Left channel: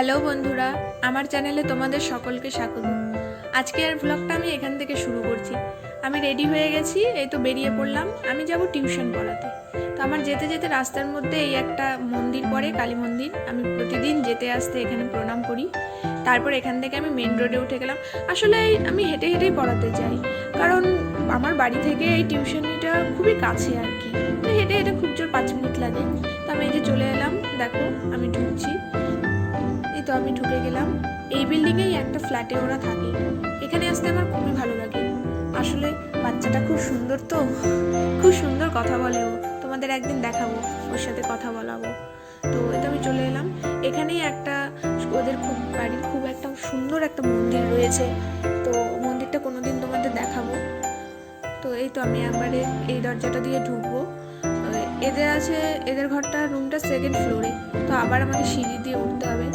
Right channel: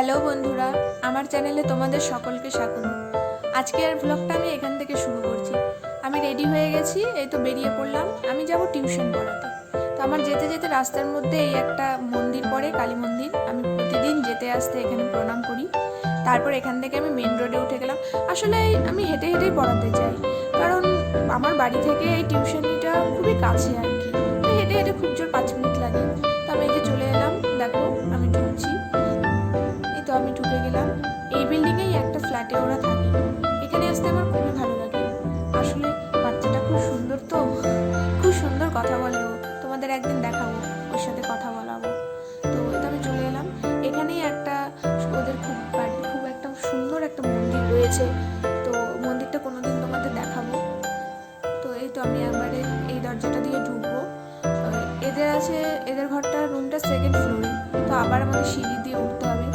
Hello বন্ধুরা, আমার চ্যানেলে তোমাদের সকলকে স্বাগত। আজকের ব্লগটা আমি এখান থেকে শুরু করছি। আমি রেডি হয়ে গেছি, এই তো বেরিয়ে পড়লাম। আমি যাব টিউশন পড়াতে। তো আমার যেতে যেতে রাস্তার মধ্যে এই একটা মন্দির পড়ে, কালী মন্দির। আমি প্রতিদিন যেতে আসতে এখানে প্রণাম করি। তারপর এখান থেকে আমি মেন রোডে উঠে গেলাম। আসলে আমি হেঁটে হেঁটেই পড়াতে যাই, কারণ আমার বাড়ি থেকে এই টিউশনিটা খুবই কাছে আর কি। তো হেঁটে হেঁটে খুব জোর 5 মিনিট লাগে। তো আমি এই যে চলে এলাম, দেখো আমি ঢুকছি। এই তো আমি ঢুকে গেলাম। এই বিল্ডিংয়েই একটা ফ্ল্যাটে ওরা থাকে। এখানে আসতে আমার খুবই ভালো লাগে। আসলে বাচ্চাটা খুব সুন্দর, তো খুব সুন্দর কথা বলে ও। তোমাদের একদিন দেখাবো, ওর সাথে কথা বলাবো। তো এই তো আমি চলে এলাম। এখানেই একটা ওদের খুব বাড়ির খুব একটা সুন্দর একটা মন্দির রয়েছে। তো মন্দিরটা কোনোদিন তোমাদের দেখাবো। তো এই তো আমি একবারে এই দরজাটা দিয়ে ঢুকবো। এদের আছে, এদের ঘরটা রুমটা 2nd ফ্লোরে। তো আবার আমাদের সিঁড়ি দিয়ে উঠতে হবে।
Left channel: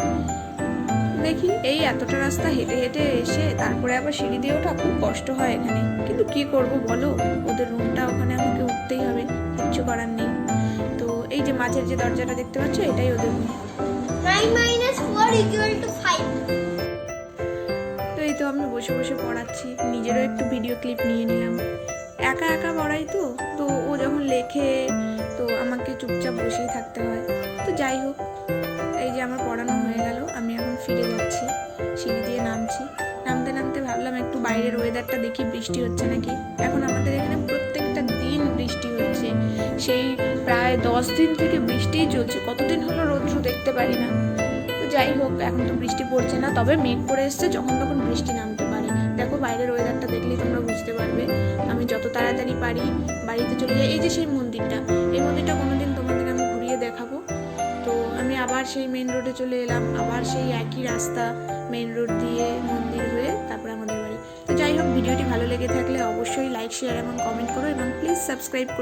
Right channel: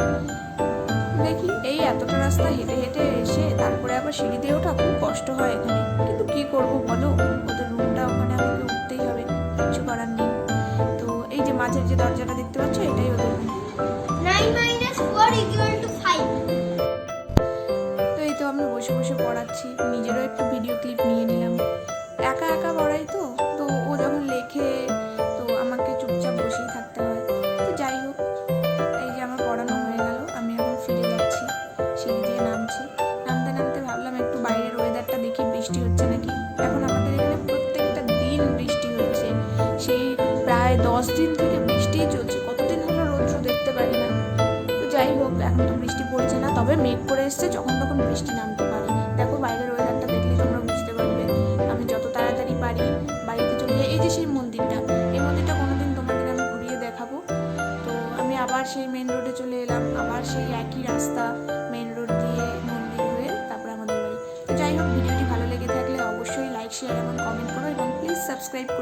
দেখি এই এতটা রাস্তা হেঁটে হেঁটে এসে তারপরে আবার সিঁড়ি দিয়ে ওঠা খুব কষ্ট হয় এখানে, কিন্তু কি করব বলো, ওদের রুমটা ওখানে আমাকে উঠতেই হবে, কিচ্ছু করার নেই। তো এই যে মাঝের যে দরজাটা দেখতে পাচ্ছ, এটাই ওদের রুম। 9 - 4 = 5। তো এই তো আমি বসে বসে পড়াচ্ছি, নিজেরও একটু ভিডিও ক্লিপ নিয়ে নিলাম। একা একা পড়াই তো, তো ও যখন লেখে তো আমাকে চুপচাপ বসেই থাকতে হয়। তো যাই হোক, এই যে আমার পড়ানো হয়ে গেল, আমি এখন ফিরে যাচ্ছি, সিঁড়ি দিয়ে নামছি। নামতে নামতে ভাবলাম একটু বাইরের ওয়েদারটা দেখি, বৃষ্টি হচ্ছে নাকি। এখন আমাদের এখানে প্রত্যেকটা দিন বৃষ্টি হচ্ছে, সেই প্রায় 10 দিন থেকে বৃষ্টিই চলছে। কতদিন হলো রৌদ্র দেখতে পারি না। তো যাই হোক, এখন তো বৃষ্টি পড়ছে না, তবে মেঘ করে এসছে, যখন তখন বৃষ্টি নামতে পারে। দেখো বাইরের ওয়েদারটা দেখলেই তোমরা বুঝতে পারবে। আমি যত তাড়াতাড়ি পারি বাড়িতে চলে যাই। এই যে সেই মন্দিরটা, এই মন্দিরটা কোনোদিন তোমাদের আমি ঘুরিয়ে দেখাবো। তো আমি আবার সেই মেন রোডে চলে এলাম, আবার সেই একই রাস্তা, মেন রোড দিয়ে মন্দির হয়ে তারপরে আমাদের বাড়ি। তো যাই হোক, ভিডিওটি ভালো লেগে থাকলে অবশ্যই লাইক, শেয়ার এবং কমেন্ট করো, এবং প্লিজ সাবস্ক্রাইব করো।